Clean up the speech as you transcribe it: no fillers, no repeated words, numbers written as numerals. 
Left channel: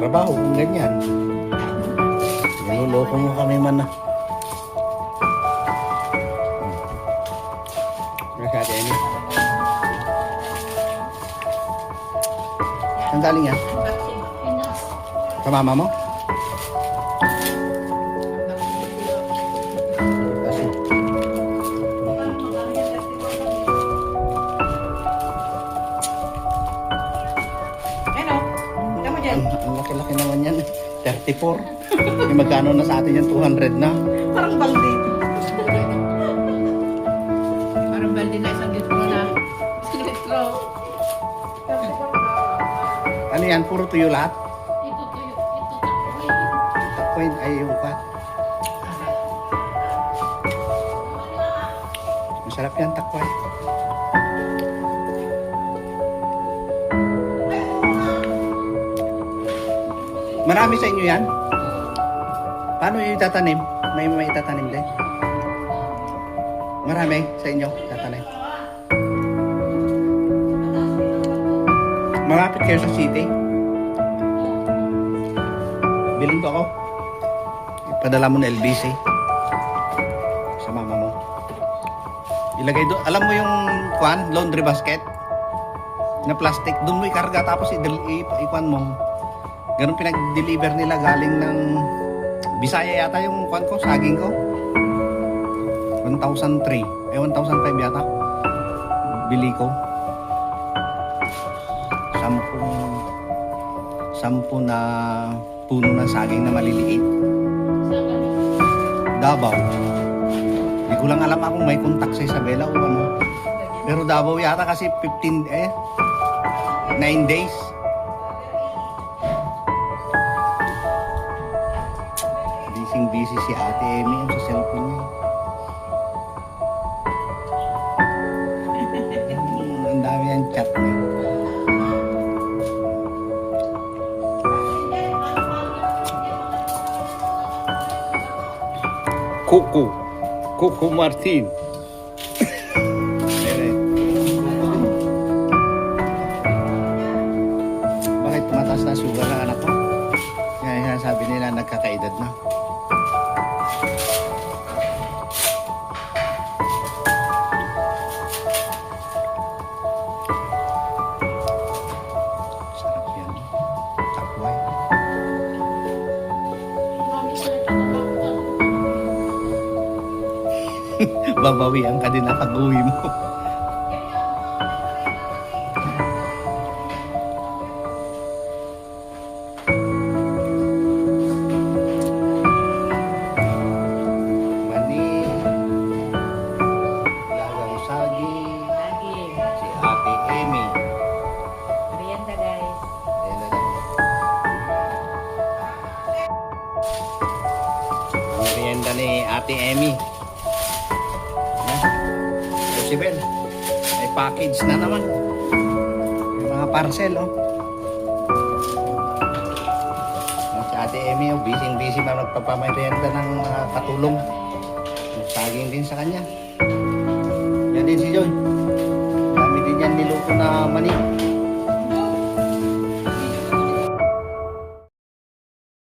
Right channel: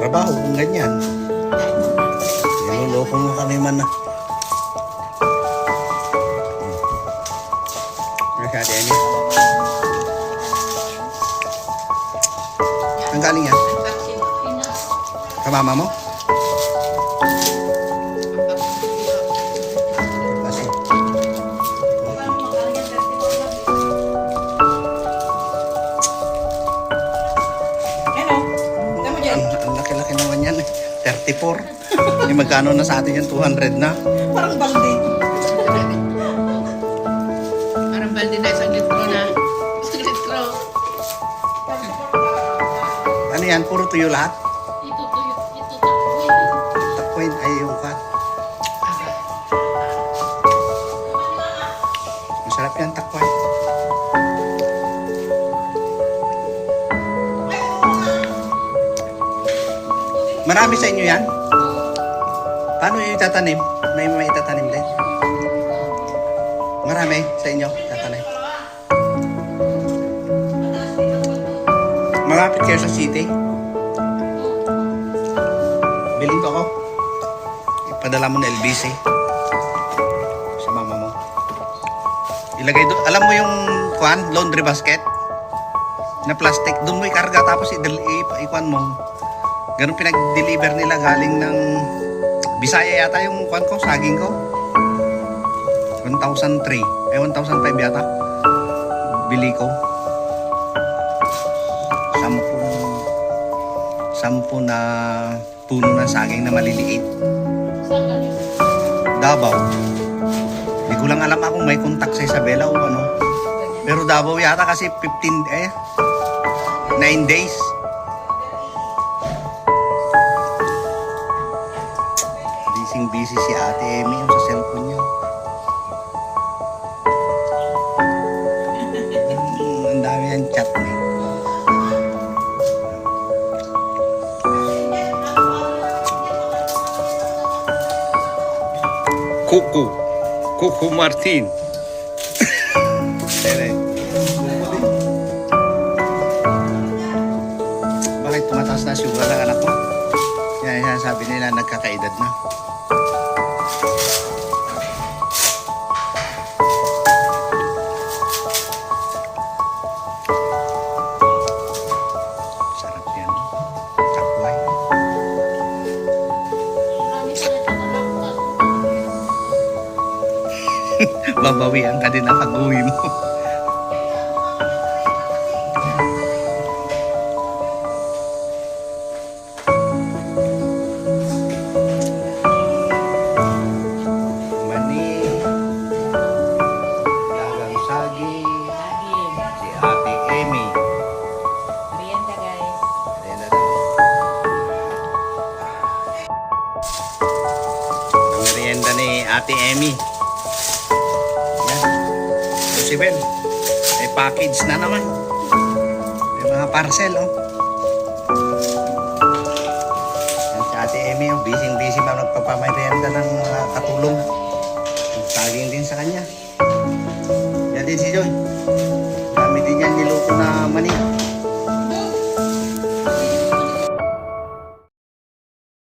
trabaho kung ganyan. Niloloko mo kami man na. Ate Amy. Ang galing yan? Sa mama mo? Kasi. Ang laki-laki naman yan. 34. Yung magkano na sa atin yan? 200 na. Parang balde. Parang balde na isang litro na. Isang litro. Ano yan? Puro tuyo lahat? Ito tuyo. Ito takboy. Takpoy ay yung pa. Masarap yan takpoy. Marami sa inyo yan? Paano yung itatanim? May itatanim din? Marami sa inyo itatanim? Malapit kayo sa city? Biling ko ako. Ipadala mo na LBC. Sa mama mo. Ilagay doon. Alam mo yung laundry basket? Na plastic. Doon mo ikarga tapos ikuan mo. Ganun pinag-deliver nila galing ng Bisaya yata yung ko, saging ko. 1,003. 1,005 yata. Bili ko. 10 na puno ng saging na maliliit. Davao. Hindi ko lang alam kung may contact sa Isabela o ano. Pero Davao yata kasi 9 days. Busy si Ate Amy yung sa cellphone niya. Ang dami yung chat niya. Cucu Martin. Bakit tumataas na sugar ng anak mo? Kaya sabi nila nagkakaedad na. Sarap yan. Sakway. Babawian ka din na pag-uwi mo. Mani, lagang saging, si Ate Amy. Merienda guys. Ayan na daw. Ang merienda ni Ate Amy. Yan. Possible. May package na naman. May mga parcel, oh. Yan si Ate Amy, oh. Busy pa nagpapamerienda ng mga katulong. Saging din sa kanya. Yan din si Joy. Dami din yan niluto na mani.